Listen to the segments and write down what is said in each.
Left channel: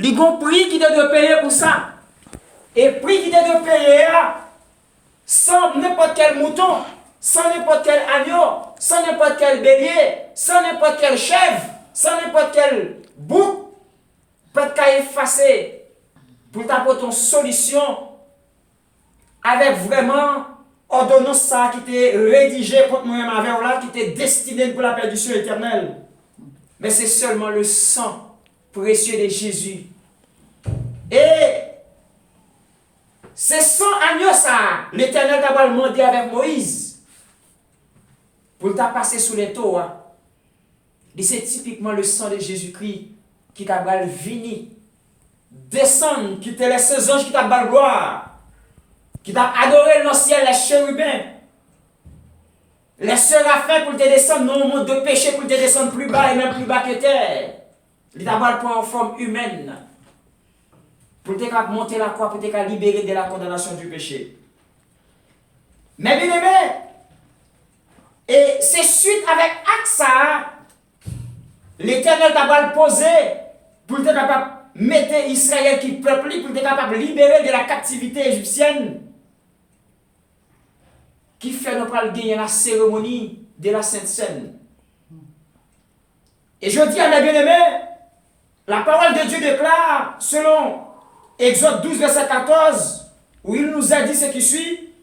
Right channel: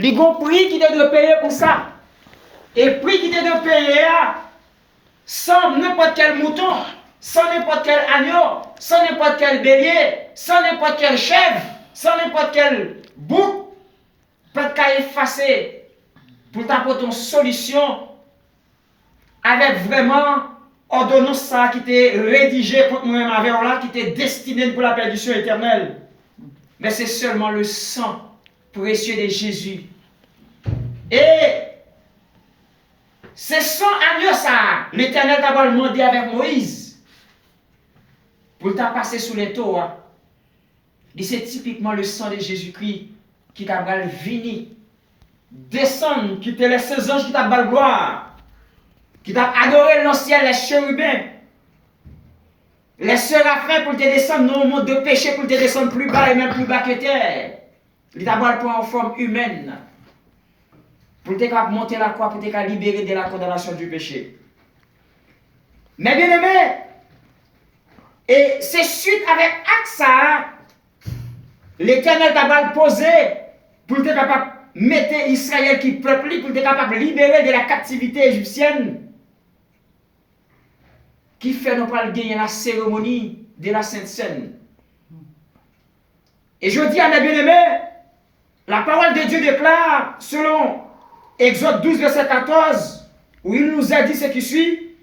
Les gros prix qui te de payer pour ça. Et prix qui te de payer sans n'importe quel mouton, sans n'importe quel agneau, sans n'importe quel bélier, sans n'importe quel chèvre, sans n'importe quel bouc, peut qu'à effacer pour t'apporter une solution avec vraiment ordonnance ça qui était rédigée contre moi-même avec là, qui était destinée pour la perdition éternelle. Mais c'est seulement le sang précieux de Jésus. Et c'est son agneau ça, l'Éternel t'a demandé avec Moïse pour t'a passer sous les Torah. Et c'est typiquement le sang de Jésus-Christ qui t'a venir descendre, qui te laisse ses anges qui t'a gloire, qui t'a adoré dans le ciel, les chérubins, les séraphins pour te descendre dans le monde de péché, pour te descendre plus bas et même plus bas que terre. Il t'a pour en forme humaine, pour te monter la croix, pour te libérer de la condamnation du péché. Mais bien aimé, et c'est suite avec AXA, l'Éternel t'a posé pour te capable de mettre Israël qui peuple, pour te capable de libérer de la captivité égyptienne, qui fait nous pas gagner la cérémonie de la Sainte Seine. Et je dis à mes bien-aimés, la parole de Dieu déclare, selon Exode 12, verset 14, où il nous a dit ce qui suit,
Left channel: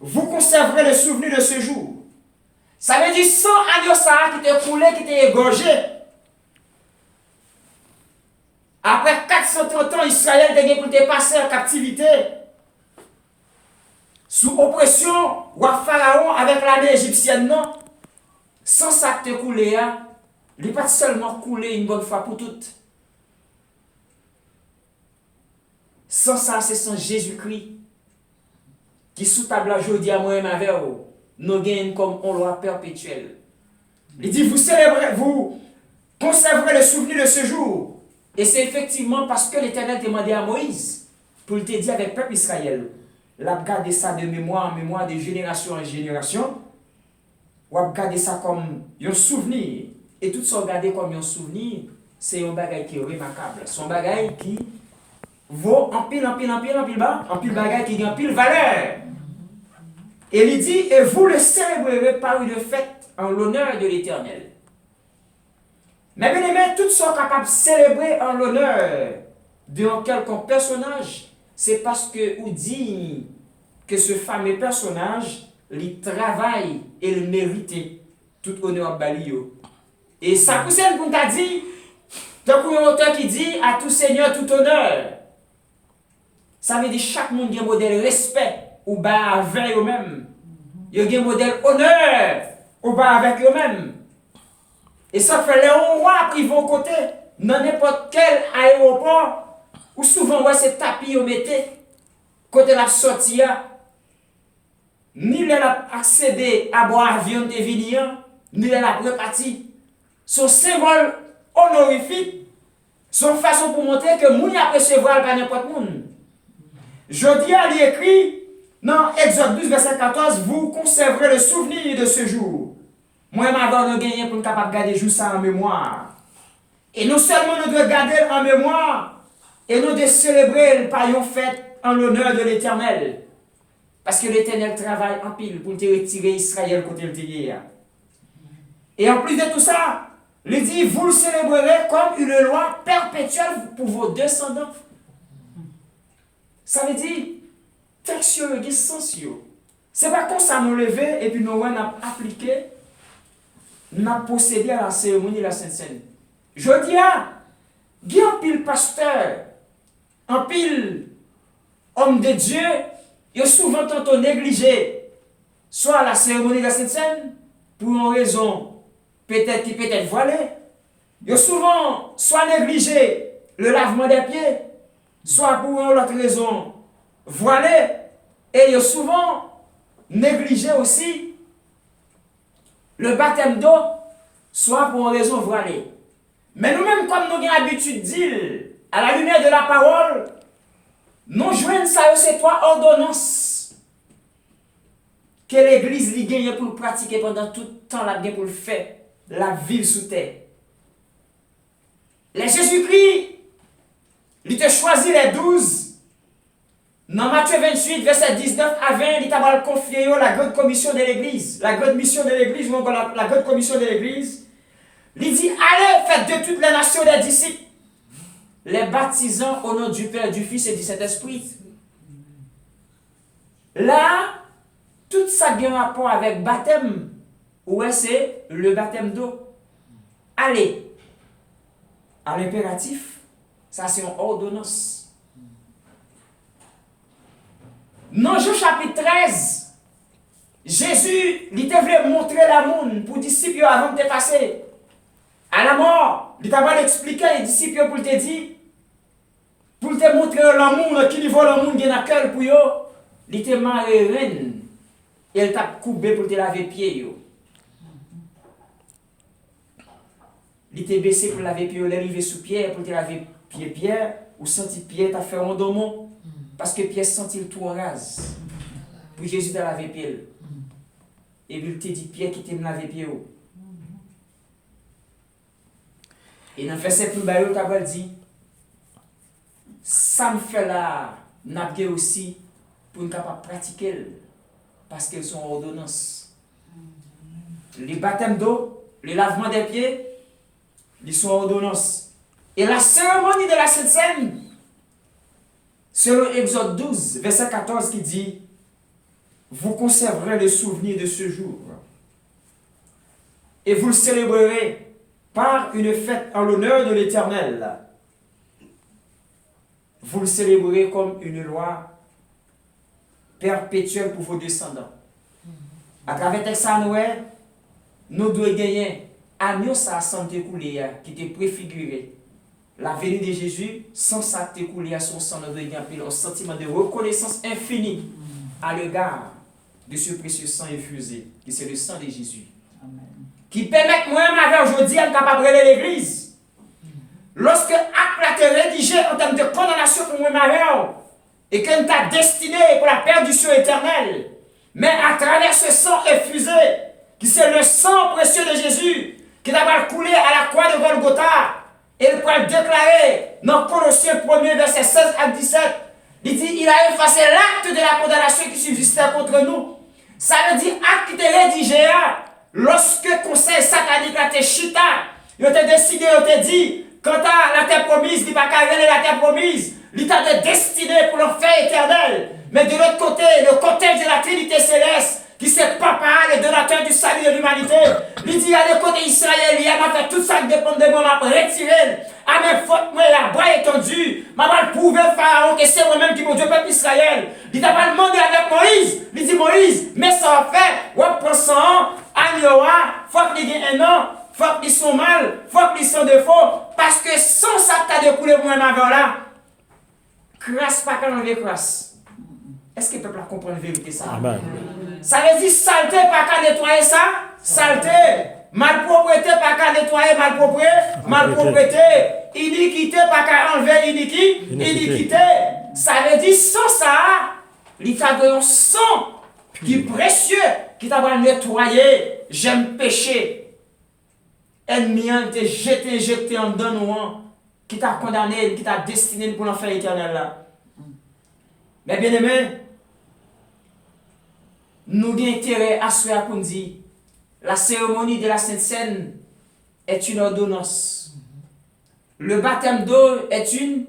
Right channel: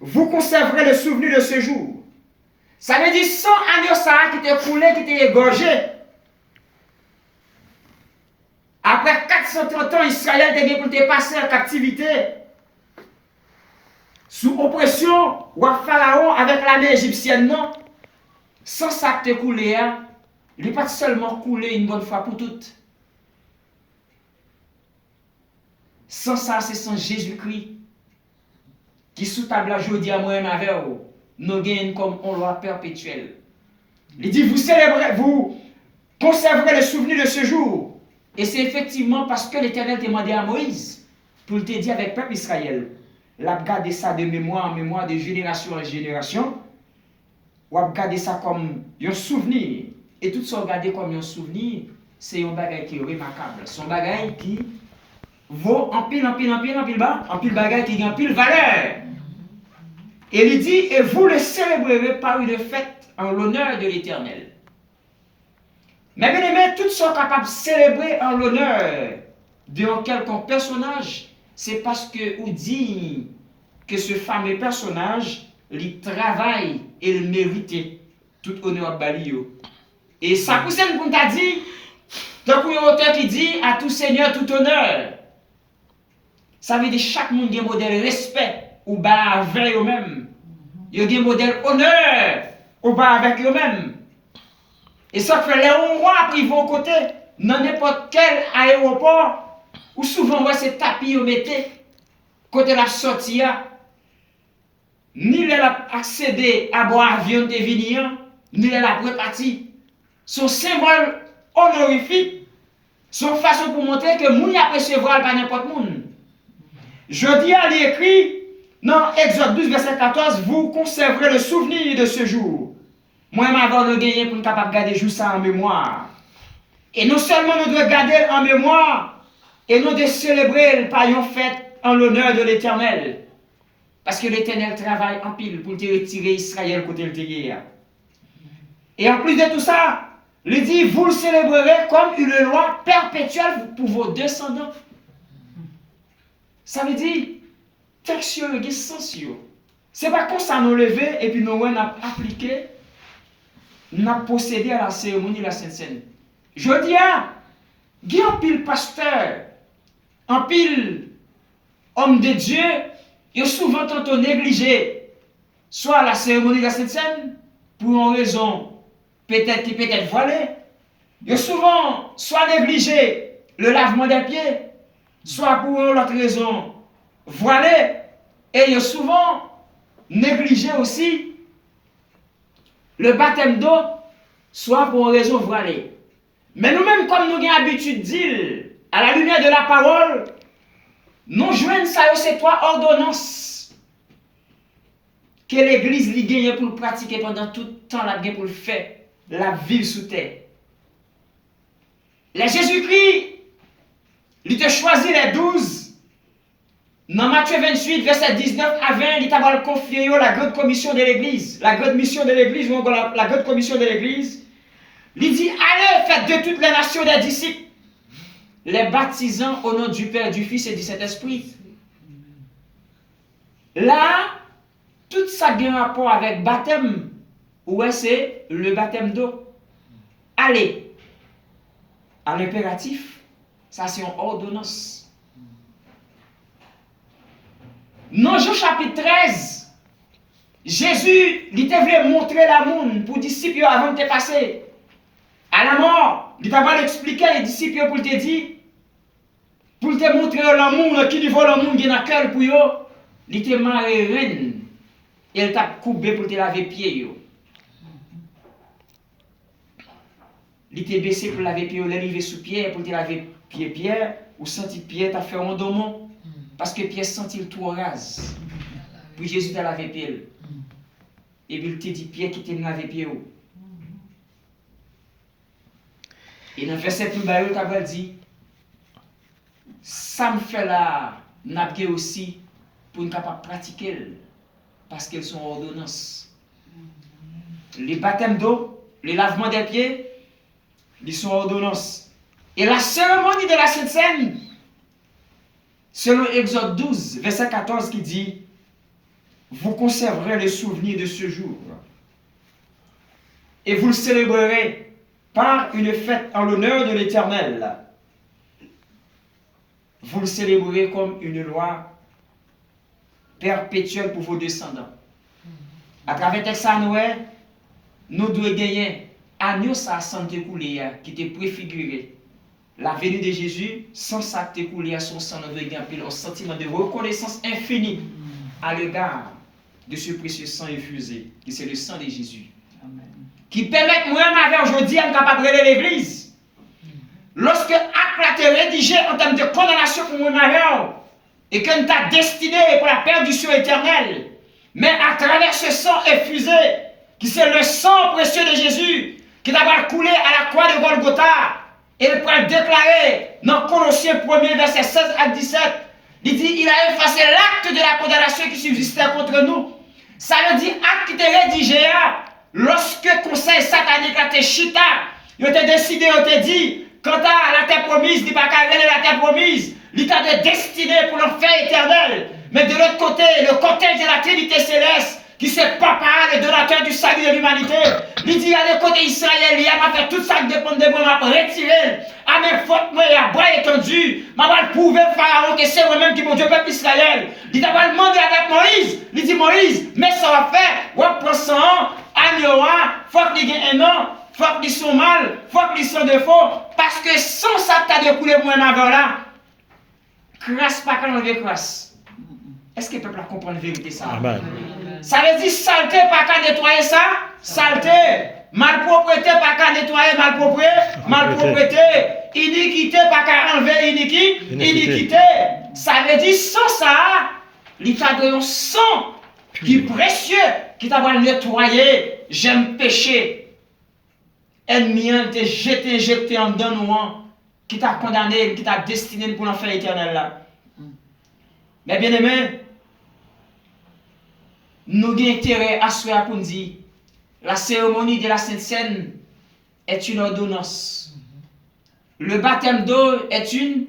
vous conserverez le souvenir de ce jour. Ça veut dire 100 agneaux qui étaient coulés, qui étaient égorgés. Après 430 ans, Israël était pour te passer en captivité. Sous oppression, roi Pharaon avec l'armée égyptienne, non. Sans ça te coulé, il n'est pas seulement coulé une bonne fois pour toutes. Sans ça, c'est sans Jésus-Christ qui sous table aujourd'hui à moi-même avec vous, nous gagnons comme on loi perpétuelle. Il dit, vous célébrez, vous conserverez le souvenir de ce jour. Et c'est effectivement parce que l'Éternel demandait à Moïse pour te dire avec le peuple Israël, l'a gardé ça de mémoire en mémoire, de génération en génération, ou a gardé ça comme un souvenir. Et tout ça regardé comme un souvenir, c'est un bagage qui est remarquable. C'est un bagage qui vaut en pile bagage qui a en pile valeur. Et il dit, et vous le célébrerez par une fête en l'honneur de l'Éternel. Mais bien aimé, tout sont capables de célébrer en l'honneur d'un quelconque personnage, c'est parce que vous dit que ce fameux personnage, il travaille et il mérite tout honneur à Balio. Et ça pousse pour t'a dit, tant qu'il y a un auteur qui dit à tout seigneur, tout honneur. Ça veut dire chaque monde a un modèle respect ou bas avec eux-mêmes. Il y a un modèle honneur ou bas avec eux-mêmes. Et ça fait les rois qui vont côté, dans n'importe quel aéroport, où souvent ouais, c'est tapis au mété, côté la sortie, ni la accéder à boire avion de Vignan, ni la repartie. Son symbole honorifique, son façon pour montrer que moun y a recevoir par n'importe monde. Je dis à l'écrit, dans Exode 12, verset 14, vous conserverez le souvenir de ce jour. Moi, m'avons de gagner pour nous capable de garder juste ça en mémoire. Et non seulement nous devons garder en mémoire, et nous devons célébrer par une fête en l'honneur de l'Éternel. Parce que l'Éternel travaille en pile pour te retirer Israël côté le guerre. Et en plus de tout ça, il dit, vous le célébrerez comme une loi perpétuelle pour vos descendants. Ça veut dire, texture et sens. C'est pas comme ça nous lever et puis nous avons appliqué, nous avons procédé à la cérémonie de la Sainte Seine. Je dis, il y a un pile pasteur, un pile homme de Dieu, il y a souvent tantôt négligé, soit la cérémonie de la Sainte Seine, pour une raison peut-être qui peut être voilée. Il y a souvent soit négligé le lavement des pieds, soit pour une autre raison voilée. Et il y a souvent négligé aussi le baptême d'eau, soit pour une raison voilée. Mais nous-mêmes, comme nous avons l'habitude de dire, à la lumière de la parole, nous joignons ça, ces trois ordonnances que l'Église lui gagne pour pratiquer pendant tout le temps, la gagne pour le faire, la vie sous terre. Les Jésus-Christ, Il te choisi les 12. Dans Matthieu 28, verset 19 à 20, il t'a confié la grande commission de l'Église. La grande mission de l'Église, la grande commission de l'Église. Il dit, allez, faites de toutes les nations des disciples, les baptisant au nom du Père, du Fils et du Saint-Esprit. Là, tout ça a un rapport avec baptême. Ouais, c'est le baptême d'eau. Allez, à l'impératif, ça c'est une ordonnance. Dans Jean chapitre 13, Jésus, il t'a voulu montrer l'amour pour les disciples avant de te passer. À la mort, il t'a voulu expliquer les disciples pour te dire, pour te montrer l'amour, qui niveau l'amour qui est dans le cœur pour eux, il t'a marré reine et il t'a coupé pour te laver les pieds. Il t'a baissé pour laver les pieds, il est arrivé sous Pierre pour te laver les pieds, Pierre, ou senti Pierre t'a fait un domon. Parce que Pierre sentit le tout en rase. Puis Jésus t'a lavé les pieds. Et puis il t'a dit Pierre qui t'a lavé les pieds. Et dans le verset plus bas, il t'a dit, ça me fait là, n'a aussi pour nous capable pratiquer parce qu'elles sont ordonnances. Les baptêmes d'eau, les lavements des pieds, ils sont ordonnances. Et la cérémonie de la Sainte Seine, selon Exode 12, verset 14 qui dit, vous conserverez le souvenir de ce jour et vous le célébrerez par une fête en l'honneur de l'Éternel. Vous le célébrerez comme une loi perpétuelle pour vos descendants. À travers texte à Noël, nous devons gagner agneau sa santé coulée qui était préfiguré. La venue de Jésus, sans ça t'écouler à son sang, nous devons gagner un sentiment de reconnaissance infinie à l'égard de ce précieux sang infusé, qui c'est le sang de Jésus. Amen. Qui permet moi-même aujourd'hui à capable de l'Église. Lorsque acte a été rédigé en termes de condamnation pour moi-même, et que nous t'a destiné pour la perdition éternelle, mais à travers ce sang infusé, qui c'est le sang précieux de Jésus, qui t'a coulé à la croix de Golgotha, et il peut le déclarer dans Colossiens 1er, verset 16 à 17, il dit, il a effacé l'acte de la condamnation qui subsistait contre nous. Ça veut dire acte qui était rédigé, lorsque le conseil satanique a été chita, il a décidé, il a dit, quant à la terre promise, il n'y a pas qu'à la terre promise, il t'a destiné pour l'enfer éternel. Mais de l'autre côté, le cortège de la Trinité céleste, qui c'est papa, le donateur du salut de l'humanité, il dit à le côté Israël, il m'a fait tout ça qui dépend de moi, m'a retiré, à mes fautes, moi, à bois étendu, m'a pas prouvé Pharaon que c'est moi-même qui mon Dieu, peuple Israël. Il t'a pas demandé avec Moïse, il dit Moïse, mais ça va faire, ouais, prends 100 ans, agneau, faut qu'il y ait un an, faut qu'ils sont mal, faut qu'ils sont défaut, parce que sans ça, t'as découlé moi-même avant là, crasse pas quand on veut crasse. Est-ce que le peuple comprend la vérité ça? Amen. Ça veut dire saleté pas qu'à nettoyer ça? Saleté. Malpropreté pas qu'à nettoyer malpropreté. Iniquité pas qu'à enlever iniquité. Ça veut dire sans ça, l'état de un sang qui est précieux, qui t'a nettoyer, j'aime péché. Ennemi, il t'a jeté en dedans nous, qui t'a condamné, qui t'a destiné pour l'enfer éternel là. Mais bien aimé, nous avons intérêt à ce pour nous dire la cérémonie de la Sainte Seine est une ordonnance. Le baptême d'eau est une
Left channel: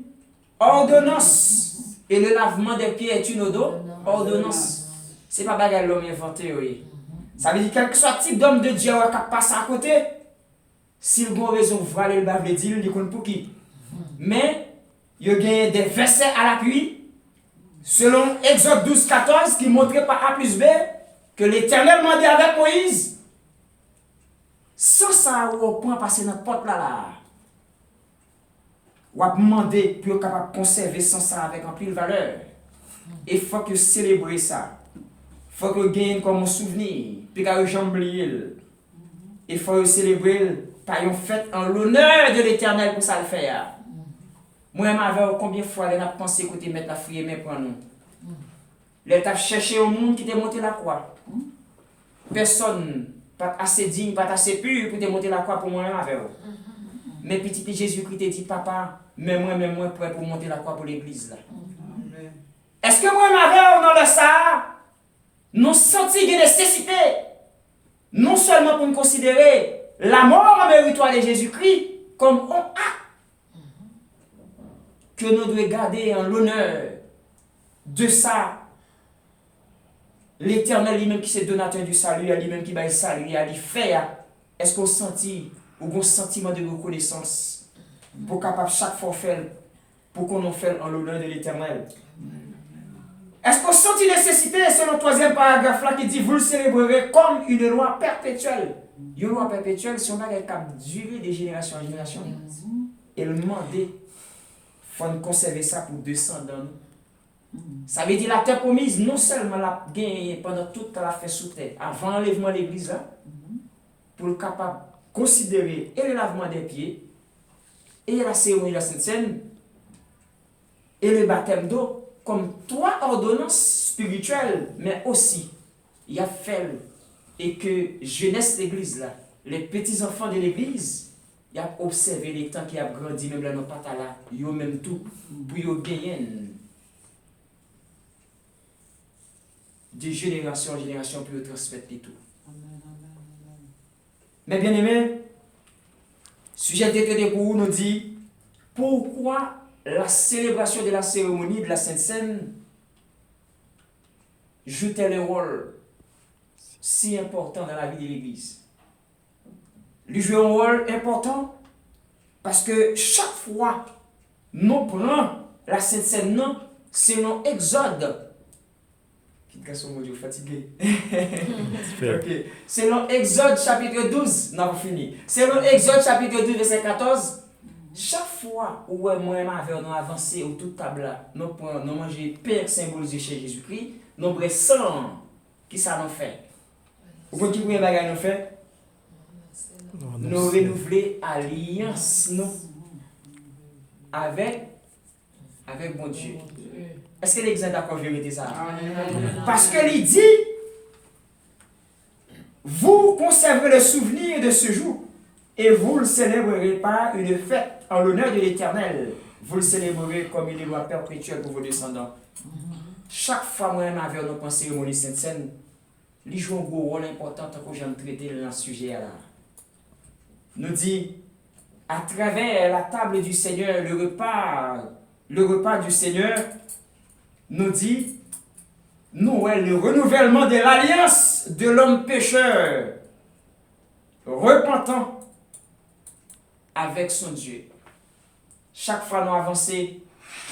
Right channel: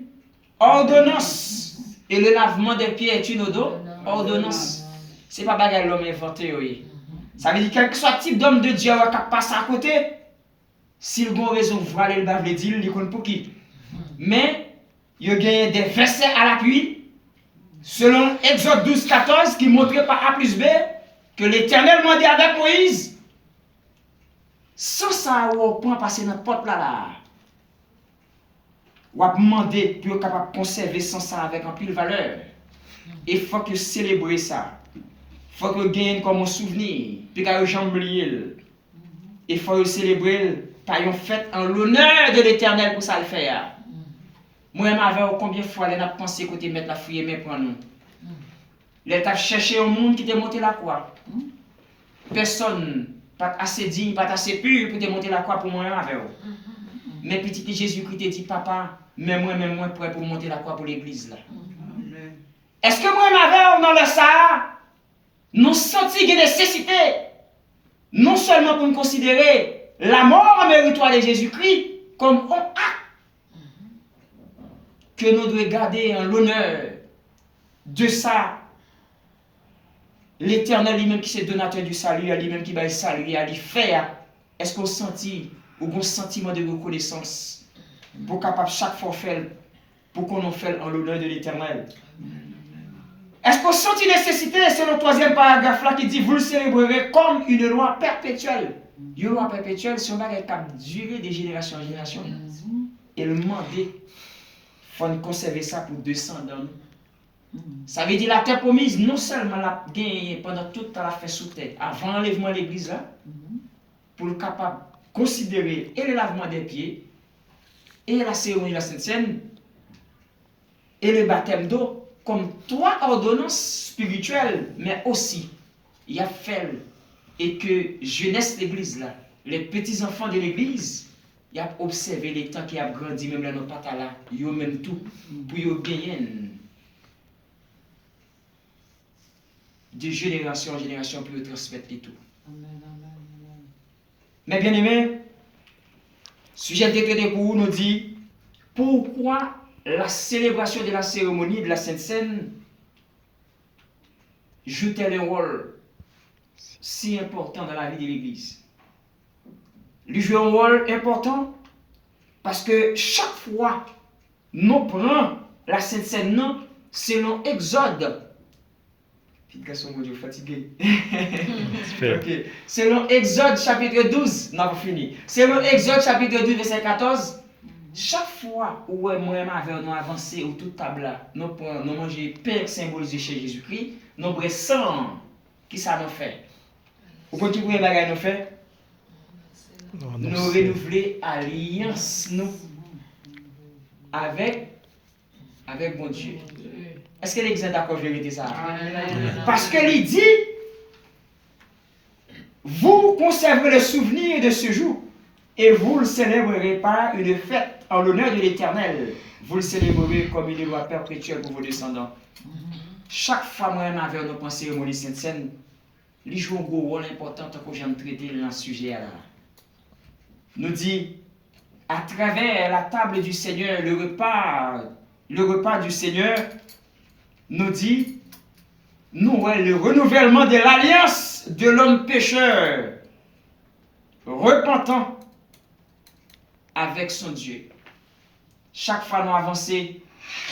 ordonnance. Et le lavement des pieds est une ordonnance. Ce n'est pas bagarre l'homme inventé. Oui. Ça veut dire quel que soit le type d'homme de Dieu qui passe à côté, s'il a une raison de voir le bavle dire, il connaît pour qui. Mais il y a des versets à l'appui. Selon Exode 12, 14, qui montrait par A plus B que l'Éternel m'a dit avec Moïse, sans ça, au point passer dans la porte là, ou à demander pour être capable de conserver sans ça avec un pile valeur. Et il faut que célébrer ça. Il faut que gagne comme un souvenir, puis que jamais oublier. Il faut célébrer par une fête en l'honneur de l'Éternel pour ça le faire. Moi, combien de fois elle a pensé que tu mettre la fouille mais pour nous. Elle a cherché au monde qui t'a monté la croix. Personne, pas assez digne, pas assez pur pour te monter la croix pour moi avec vous. Mais petit Jésus-Christ t'a dit, papa, mais moi-même, moi, prêt pour monter la croix pour l'église là. Est-ce que moi, m'avais dans le ça, nous senti une nécessité, non seulement pour nous considérer la mort méritoire de Jésus-Christ comme un acte que nous devons garder en l'honneur de ça, l'Éternel lui-même qui est donateur du salut, lui-même qui va le salut, à lui faire. Est-ce qu'on sentit ou un sentiment de reconnaissance pour capable chaque fois faire, pour qu'on en fait en l'honneur de l'Éternel? Est-ce qu'on sent une nécessité, c'est le troisième paragraphe là qui dit vous le célébrerez comme une loi perpétuelle. Une loi perpétuelle, si on a capable de durer de génération en génération, et le demander, il faut conserver ça pour 200 ans. Ça veut dire la terre promise, non seulement la gagner pendant toute la fête sous terre, avant l'enlèvement de l'église là, pour le capable de considérer et le lavement des pieds, et la cérémonie de la Sainte Seine, et le baptême d'eau, comme trois ordonnances spirituelles, mais aussi, il y a fait et que jeunesse l'église là, les petits enfants de l'église, il a observé les temps qui a grandi, même là, nos patas là, ils ont même tout, pour y gagner de génération en génération pour transmettre tout. Mais bien aimé, sujet de traité pour nous dit pourquoi la célébration de la cérémonie de la Sainte Seine joue-t-elle un rôle si important dans la vie de l'Église? Il joue un rôle important parce que chaque fois nous prenons la Sainte Seine selon Exode. Garçon, mon Dieu, fatigué. Okay. Selon Exode chapitre 12, non, fini. Selon Exode chapitre 12, verset 14, chaque fois où moi et ma mère nous avancé au tout table là, nous manger pain symbolisé chez Jésus-Christ, nous prenons sang, qui ça nous fait? Vous comprenez qui nous bagage nous fait? Nous renouveler alliance nous avec mon Dieu. Est-ce que l'Église est d'accord avec vérité ça? Parce que il dit, vous conserverez le souvenir de ce jour et vous le célébrerez par une fête en l'honneur de l'Éternel. Vous le célébrerez comme une loi perpétuelle pour vos descendants. Chaque fois moi ma vers nos cérémonie Sainte Seine, il joue un gros rôle important que j'aime traiter dans ce sujet là. Nous dit à travers la table du Seigneur, le repas du Seigneur nous dit, nous, le renouvellement de l'alliance de l'homme pécheur, repentant avec son Dieu. Chaque fois nous avançons,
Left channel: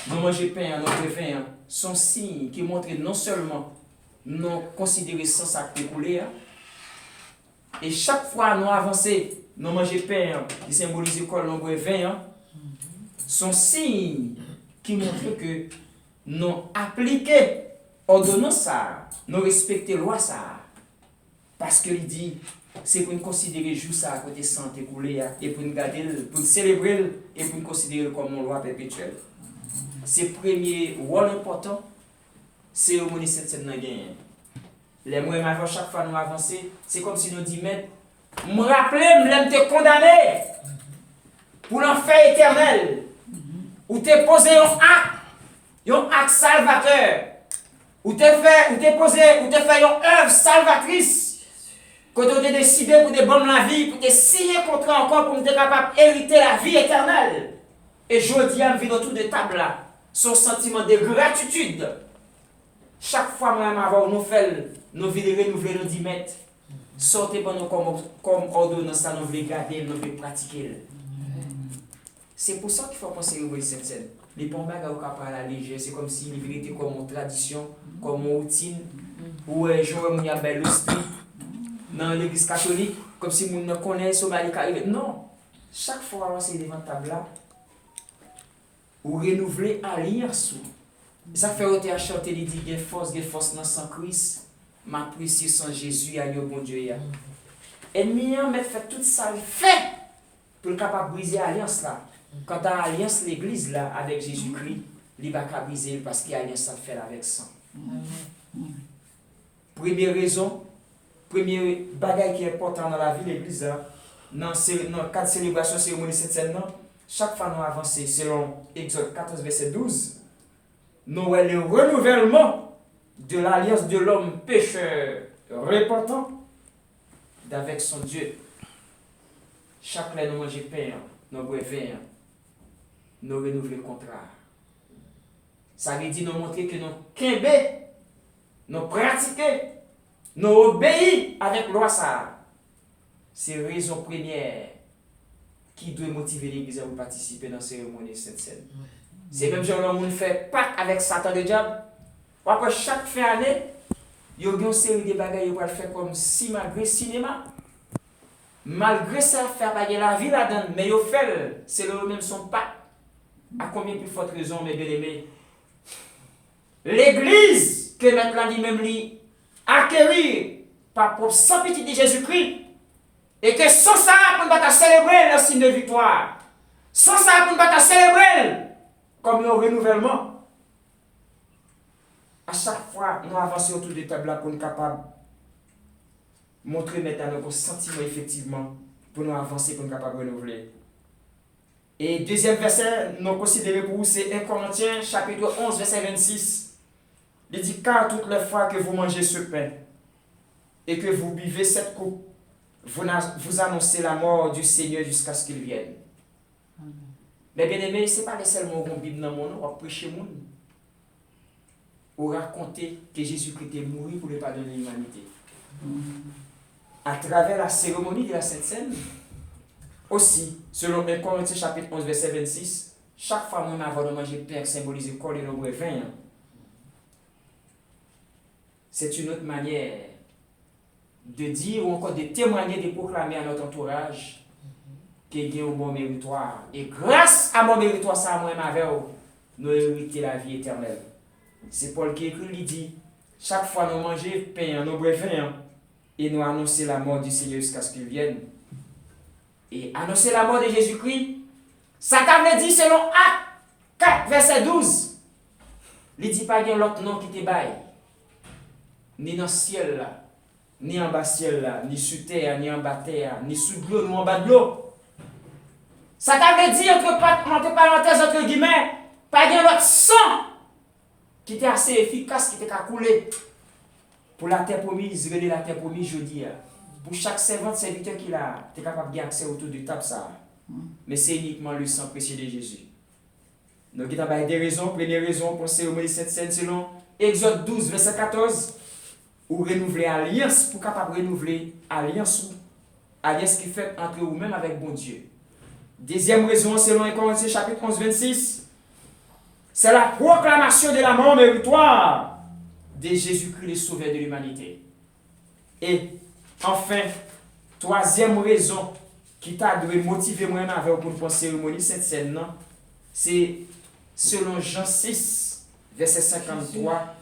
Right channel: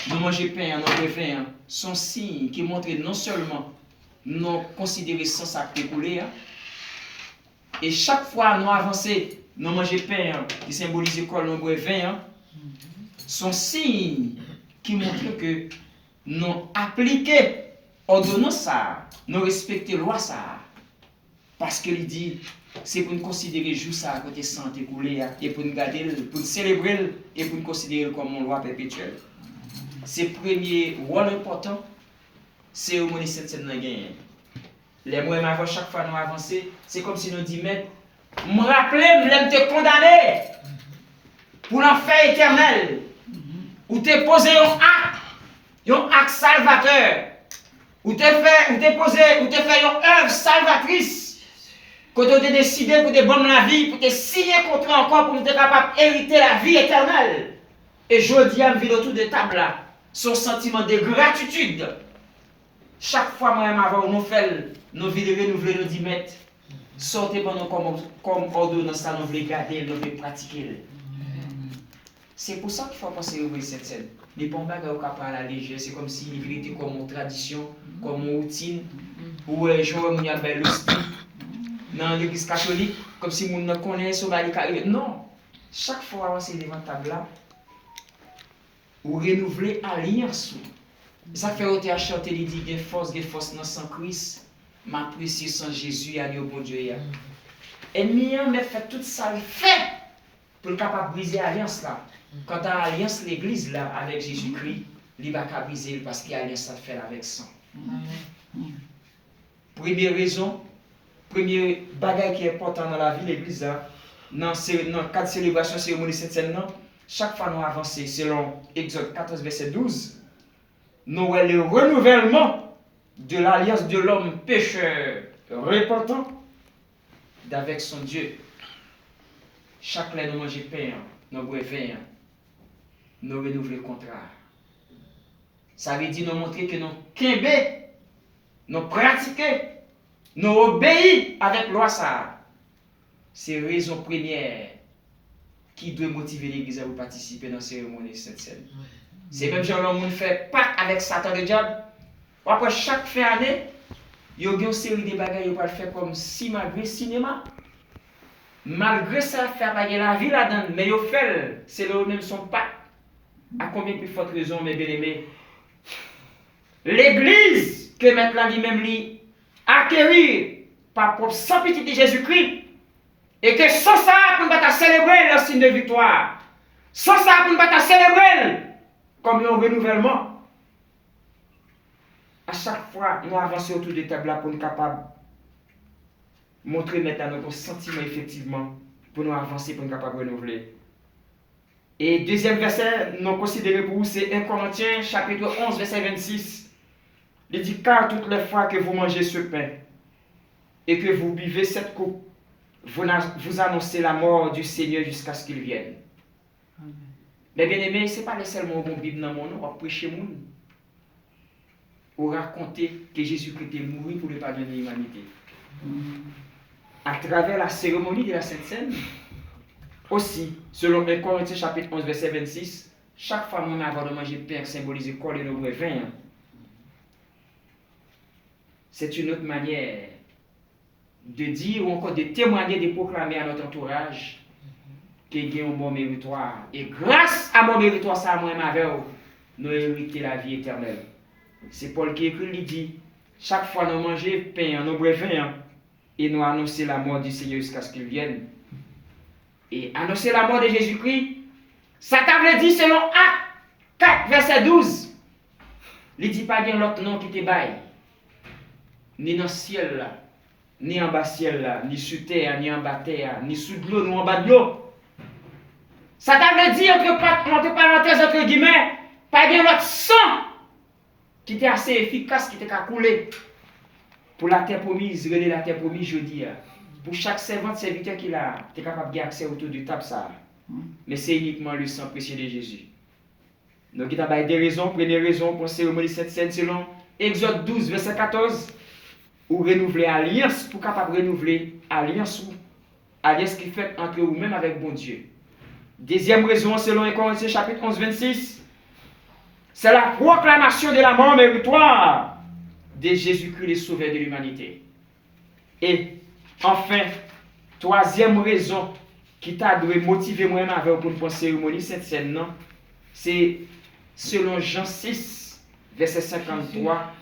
nous mangeons pain, nous buvons, sont signes qui montrent non seulement nous considérer sans sacré coulé, et chaque fois nous avançons, nous mangeons pain, qui symbolise quoi, nous buvons, sont signes qui montrent que nous appliquons ordonnance ça, nous respectons loi ça. Parce qu'il dit, c'est pour nous considérer juste ça à côté santé coulé et pour nous garder, pour nous célébrer et pour nous considérer comme une loi perpétuelle. C'est le premier rôle important, c'est au ministère de cette gagne. Les mois avant, chaque fois nous avançons, c'est comme si nous disions, mais, me rappeler, me te condamner pour l'enfer éternel, ou te poser un acte salvateur, ou te fait une œuvre salvatrice, que tu as décidé pour te bonnes la vie, pour te signer contrat encore, pour te capable d'hériter la vie éternelle. Et je dis à me vidéo tout de table là, son sentiment de gratitude. Chaque fois, moi-même, avant nous fait, nous vidéos, nous voulons nous dire, mettre, sortez pour nous comme ordonnance, nous voulons garder, nous voulons pratiquer. C'est pour ça qu'il faut penser au cette scène. Les pompes qui sont capables à la légère, c'est comme si il était comme une tradition, comme une routine, où je vois une belle l'hostie dans l'église catholique, comme si on ne connaît pas. Non, chaque fois que c'est devant table là, ou renouveler alliance. Ça fait ôter à chanter, il dit, il force dans sang Christ, ma précieuse sans Jésus, à bon Dieu. Et mieux, mais fait tout ça, fait pour le capable de briser l'alliance là. Quand tu as alliance l'église là avec Jésus-Christ, il va pas briser parce qu'il y a alliance à faire avec sang. Première raison, premier bagage qui est important dans la vie de l'église, dans le cadre de célébration cérémonie Sainte Seine, chaque fois nous avançons, selon Exode 14, verset 12, nous avons le renouvellement de l'alliance de l'homme pécheur repentant d'avec son Dieu. Chaque fois nous mangeons pain, nous boivons vin, nous renouvelons le contrat. Ça veut dire nous montrer que nous québé, nous pratiquons, nous obéissons avec loi ça. C'est la raison première qui doit motiver l'Église à participer dans la cérémonie Sainte Seine. C'est même genre on fait Pâques avec Satan le diable. Après chaque fin d'année, il y a une série de bagages qui faire comme si malgré le cinéma. Malgré ça, faire baguer la vie là-dedans, mais il fait, c'est le même son Pâques. À combien plus forte raison, mes bien-aimés? L'Église que maintenant lui-même lui acquérir par propre sang petit de Jésus-Christ et que sans ça pour nous célébrer le signe de victoire, sans ça pour nous célébrer comme un renouvellement. À chaque fois, nous avançons autour de table pour nous capables de montrer maintenant nos sentiments effectivement pour nous avancer, pour nous capables de renouveler. Et deuxième verset, nous considérons pour vous, c'est 1 Corinthiens chapitre 11, verset 26. Il dit, car toutes les fois que vous mangez ce pain et que vous buvez cette coupe, vous annoncez la mort du Seigneur jusqu'à ce qu'il vienne. Amen. Mais bien aimé, ce n'est pas seulement la Bible dans mon nom, on prêcher mon ou raconter que Jésus-Christ est mort pour le pardon de l'humanité. À travers la cérémonie de la Sainte Seine, aussi, selon 1 Corinthiens chapitre 11, verset 26, chaque fois que avant de manger pain symbolise le corps et le vin. C'est une autre manière de dire ou encore de témoigner, de proclamer à notre entourage qu'il y a un bon méritoire. Et grâce à mon méritoire, ça, moi, nous héritons la vie éternelle. C'est Paul qui écrit, il dit, chaque fois nous mangeons pain, nous buvons vin, et nous annonçons la mort du Seigneur jusqu'à ce qu'il vienne. Et annoncer la mort de Jésus-Christ, ça t'a dit selon Actes 4, verset 12. Il dit pas bien l'autre nom qui te baille. Ni dans le ciel là, ni en bas ciel là, ni sur terre, ni en bas terre, ni sous de l'eau, ni en bas de l'eau. Ça t'a dit entre parenthèses, entre guillemets, pas bien l'autre sang qui était assez efficace, qui était qu'à couler pour la terre promise, relais la terre promise, je dis. Pour chaque serviteur qu'il a, tu es capable d'accès autour du table ça. Mais c'est uniquement le sang précieux de Jésus. Donc il y a des raisons, première raison pour cérémonie Sainte Seine selon Exode 12, verset 14, ou renouveler alliance, pour capable renouveler alliance qui fait entre vous-même avec bon Dieu. Deuxième raison selon 1 Corinthiens chapitre 11, 26, c'est la proclamation de la mort méritoire de Jésus-Christ, le sauveur de l'humanité. Et enfin, troisième raison qui t'a dû motiver moi-même avec pour une cérémonie cette scène, non, c'est selon Jean 6, verset 53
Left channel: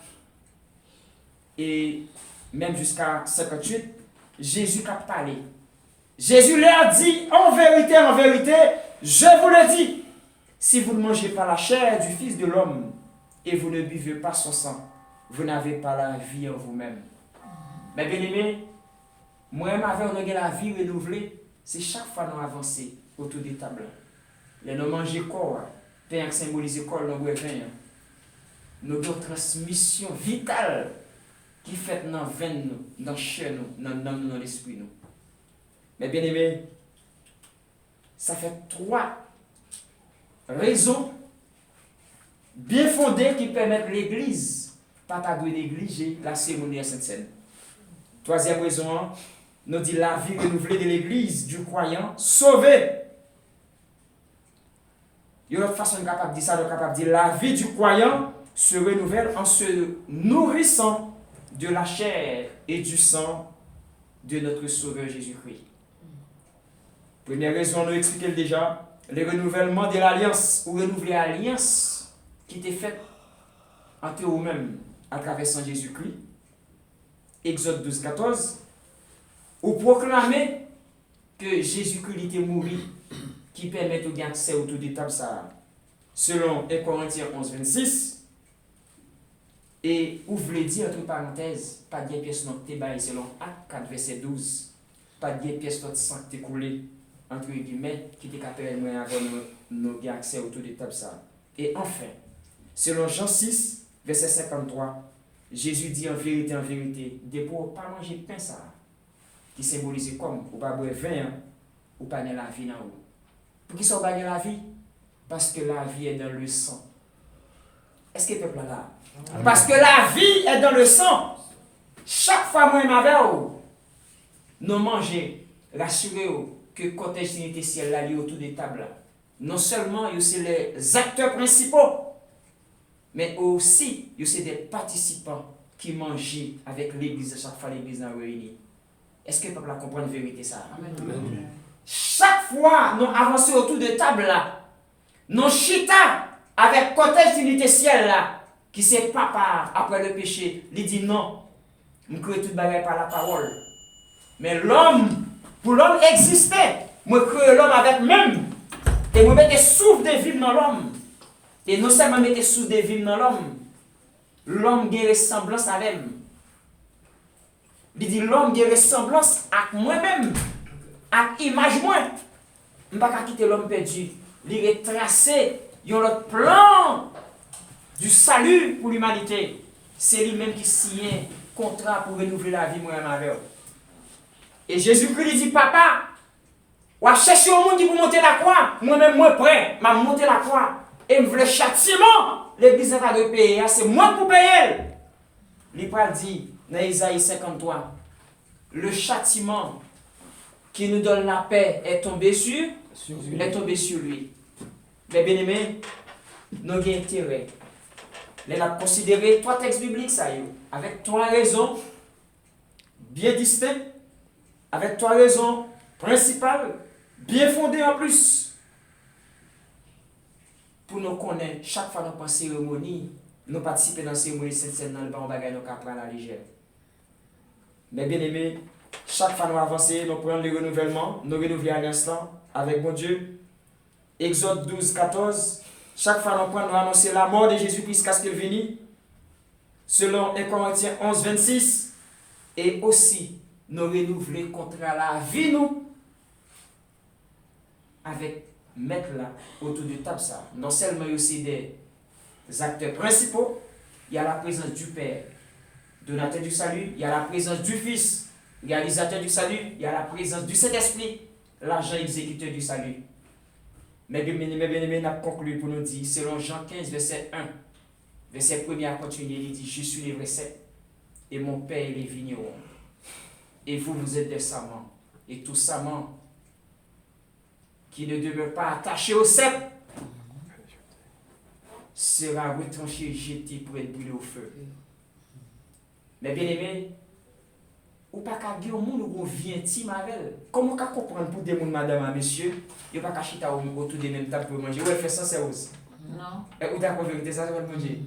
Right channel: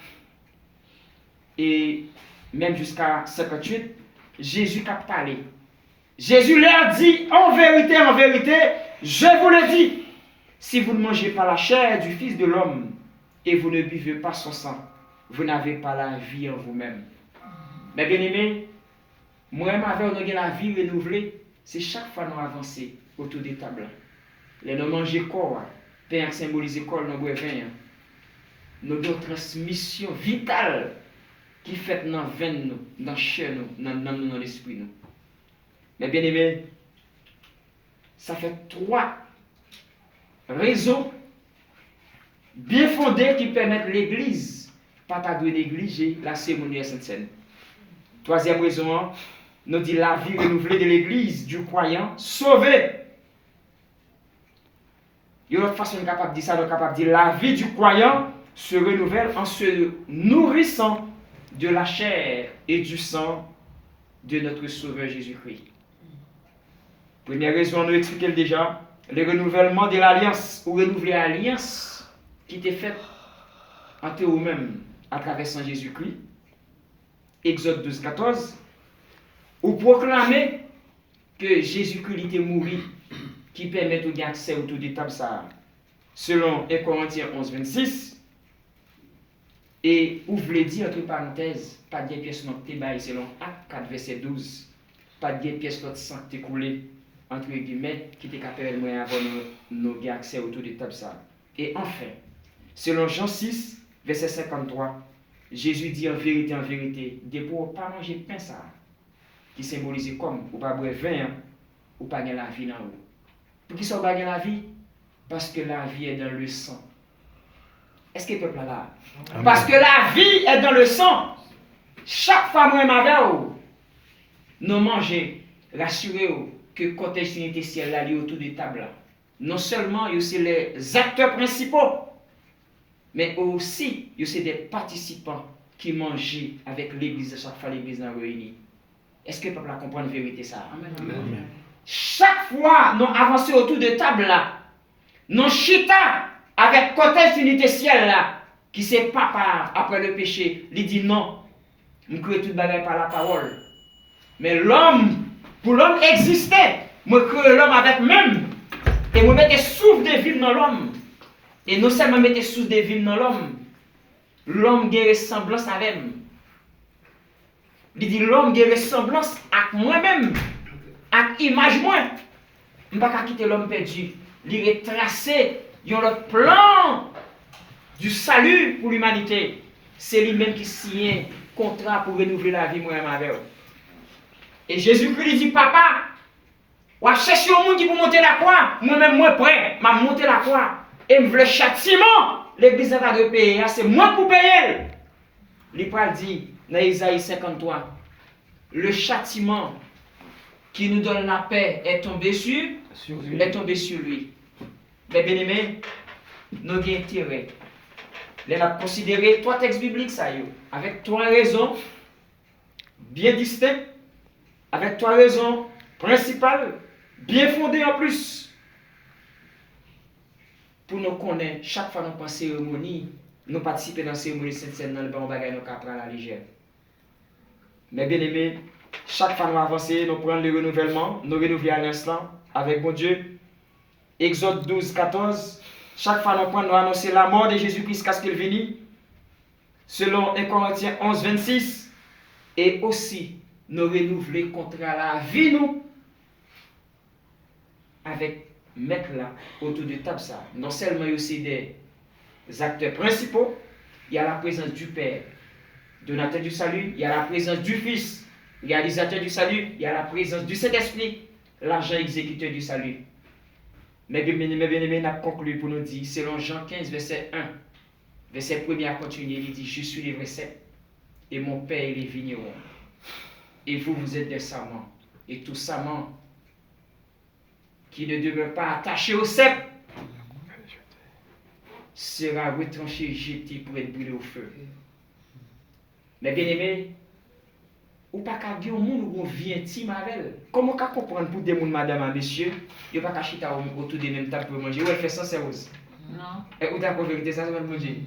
et même jusqu'à 58, Jésus a parlé. Jésus leur dit, en vérité, je vous le dis, si vous ne mangez pas la chair du Fils de l'homme et vous ne buvez pas son sang, vous n'avez pas la vie en vous-même. Mais bien aimé, moi-même avec la vie renouvelée, c'est chaque fois nous avançons autour des tables. Les nous manger corps, pain symbolise corps, nous boire vin. Nous avons une transmission vitale qui fait dans le veine, dans le chair, dans l'esprit. Mais bien aimé, ça fait trois raisons bien fondées qui permettent l'Église pas de négliger la cérémonie à Sainte Seine. Troisième raison, nous dit la vie renouvelée de l'Église du croyant sauvé. Il y a une autre façon de dire ça, capable de dire la vie du croyant se renouvelle en se nourrissant de la chair et du sang de notre Sauveur Jésus-Christ. Première raison, nous expliquons déjà, le renouvellement de l'alliance, ou renouveler l'alliance qui était faite entre vous-même à travers Saint Jésus-Christ. Exode 12, 14. Ou proclamer que Jésus-Christ était mort, qui permet de gagner accès autour des tables ça. Selon 1 Corinthiens 11, 26. Et vous voulez dire, entre parenthèses, pas de pièce notre bail selon Acte 4, verset 12. Pas de pièce notre sang qui coulé. entre guillemets, qui était capable de avoir nos accès autour de table ça. Et enfin, selon Jean 6, verset 53, Jésus dit en vérité, des pour pas manger pain ça, qui symbolise comme, ou pas boire vin, ou pas gagner la vie dans vous. Pour qui ça va gagner la vie? Parce que la vie est dans le sang. Est-ce que le peuple là? Amen. Parce que la vie est dans le sang. Chaque fois moi madame, nous manger, rassurez-vous que côté Trinité ciel là autour de table. Non seulement c'est les acteurs principaux, mais aussi c'est des participants qui mangent avec l'église chaque fois l'église est réunie. Est-ce que le peuple comprend la vérité ça? Amen. Amen. Chaque fois nous avançons autour de table là, nous chita avec côté Trinité ciel là, qui c'est papa après le péché, il dit non, je crée tout bagage par la parole. Mais l'homme, pour l'homme exister, je crée l'homme avec même, et je mets des souffles de vie dans l'homme. Et non seulement mettre des souffles de vie dans l'homme a ressemblance avec lui. Il dit l'homme a ressemblance avec moi-même, avec image moi. Je ne peux pas quitter l'homme perdu. Il retracer un plan du salut pour l'humanité. C'est lui-même qui signe contrat pour renouveler la vie moi-même avec eux. Et Jésus-Christ lui dit, papa, ou à chercher au monde qui pour monter la croix, moi-même moi prêt, m'a monter la croix. Et me veut châtiment, l'église n'a pas de payer, c'est moi pour payer. Il pas dit dans Isaïe 53, le châtiment qui nous donne la paix est tombé sur lui. Mais bien aimés, nous avons intérêt. Nous avons considéré trois textes bibliques, ça y est, avec trois raisons bien distinctes, avec trois raisons principales, bien fondées en plus. Pour nous connaître, chaque fois que nous pensons cérémonie, nous participons dans la cérémonie Sainte-Seine dans le bon bagage, nous prendre à la légère. Mais bien aimé, chaque fois que nous avançons, nous prenons le renouvellement, nous renouvelons à l'instant avec bon Dieu. Exode 12, 14. Chaque fois que nous prenons, nous annoncer la mort de Jésus-Christ jusqu'à ce qu'il vienne. Selon 1 Corinthiens 11, 26. Et aussi, nous renouveler contre la vie, nous, avec mettre là autour de table ça. Non seulement aussi des acteurs principaux, il y a la présence du Père, donateur du salut, il y a la présence du Fils, réalisateur du salut, il y a la présence du Saint-Esprit, l'agent exécuteur du salut. Mais bien aimé, on a conclu pour nous dire, selon Jean 15, verset 1, verset 1 à continuer, il dit, je suis le vrai cep, et mon Père il est vigneron. Et vous, vous êtes des serments, et tout serment qui ne demeure pas attaché au cep sera retranché, jeté pour être brûlé au feu. Mais bien aimé, ou pas qu'à dire au monde où on vit intime avec elle. Comment on peut comprendre pour des gens, madame et monsieur, il n'y a pas qu'à chiter autour des mêmes tables pour manger. Ou elle fait sans sérieux. Non. Et où d'accord vérité, ça va manger.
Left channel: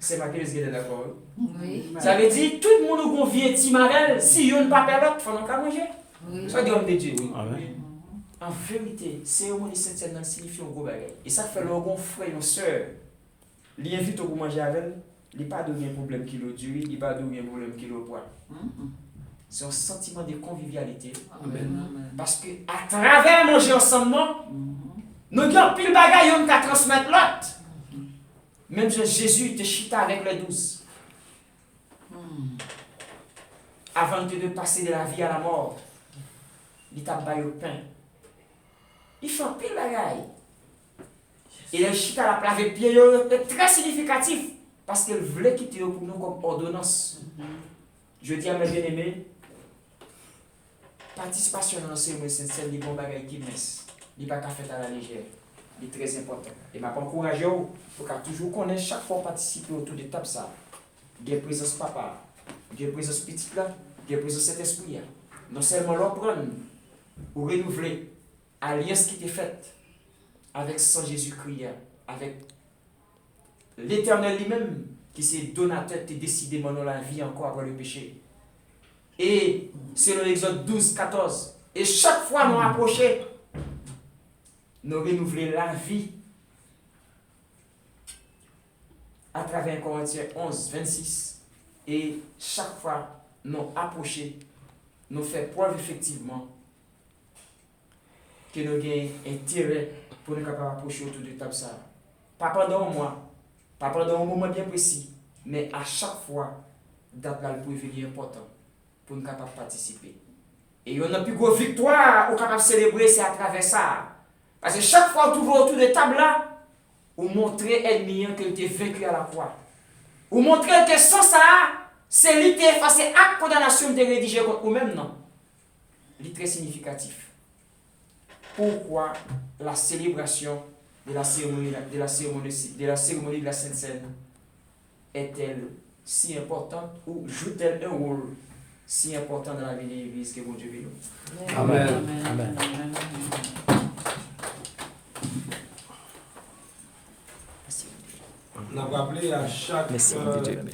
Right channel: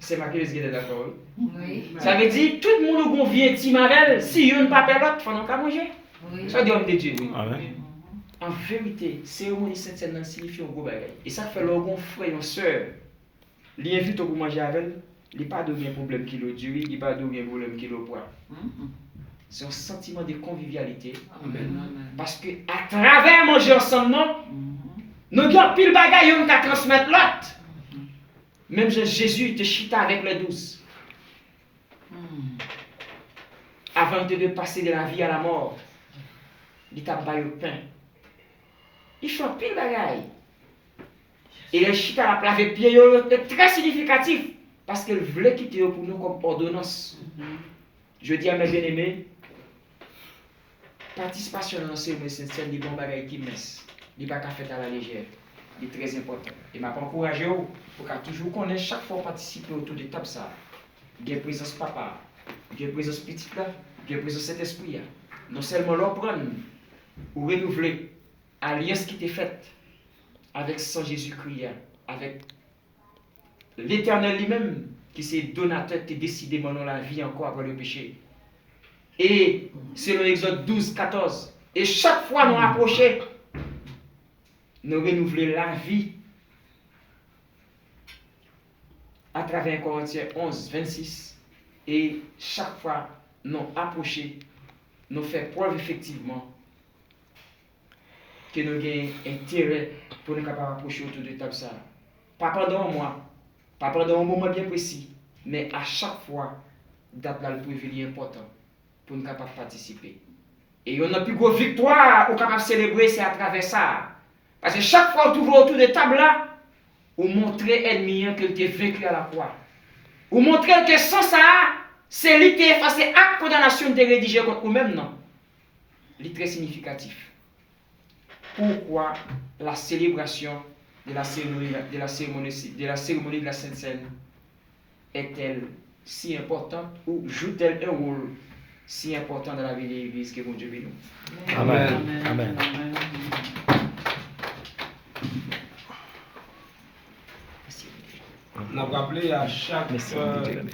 C'est ma qui est d'accord. Oui. Ça veut dire tout le monde où on vit intime avec elle, si on ne pas perdre l'autre, il faut qu'on manger. Oui. Ça dit homme de Dieu. Amen. En vérité, cérémonie Sainte-Seine signifie un gros bagage. Et ça fait le bon frère, une soeur. Il invite pour manger avec elle, il n'y a pas de problème qui le dure, il n'y a pas de problème qui le poids. C'est un sentiment de convivialité. Amen. Parce que à travers manger ensemble, nous avons pile bagaille on qu'à transmettre l'autre. Même Jésus te chita avec les 12. Avant de passer de la vie à la mort, il t'a baillé le pain. Il fait pile bagaille. Et le chita la place de pied est très significatif. Parce qu'elle voulait quitter pour nous comme ordonnance. Je dis à mes bien-aimés, participation dans ces mots, c'est des bons bagages qui naissent. Il n'y a pas qu'à faire à la légère. Il est très important. Et je m'encourage pour qu'à toujours connaître chaque fois participer autour de table ça. Il y a présence papa, il y a présence petit là, il y a présence cet esprit. Non seulement l'apprendre ou renouveler l'alliance qui était faite avec Saint Jésus-Christ, avec l'Éternel lui-même, qui s'est donateur, qui décidé dans la vie encore après le péché. Et c'est l'Exode 12, 14. Et chaque fois nous approchons, nous renouveler la vie à travers Corinthiens 11, 26. Et chaque fois nous approcher, nous faire preuve effectivement que nous avons intérêt pour nous capables d'approcher autour de table ça. Pas pendant un mois, pas pendant un moment bien précis, mais à chaque fois, date là le prévu important pour nous capables de participer. Et on a plus grosse victoire, on est capable de célébrer, c'est à travers ça. Parce que chaque fois que vous autour de table là, vous montrez ennemi que tu es vaincu à la croix. Vous montrez que sans ça, c'est lui qui est effacé acte condamnation de rédigé contre vous-même, non. C'est très significatif. Pourquoi la célébration de la cérémonie de la Sainte Seine est-elle si importante ou joue-t-elle un rôle si important dans la vie de l'Église que bon Dieu veut nous? Amen. Amen. On a rappelé à chaque cérémonie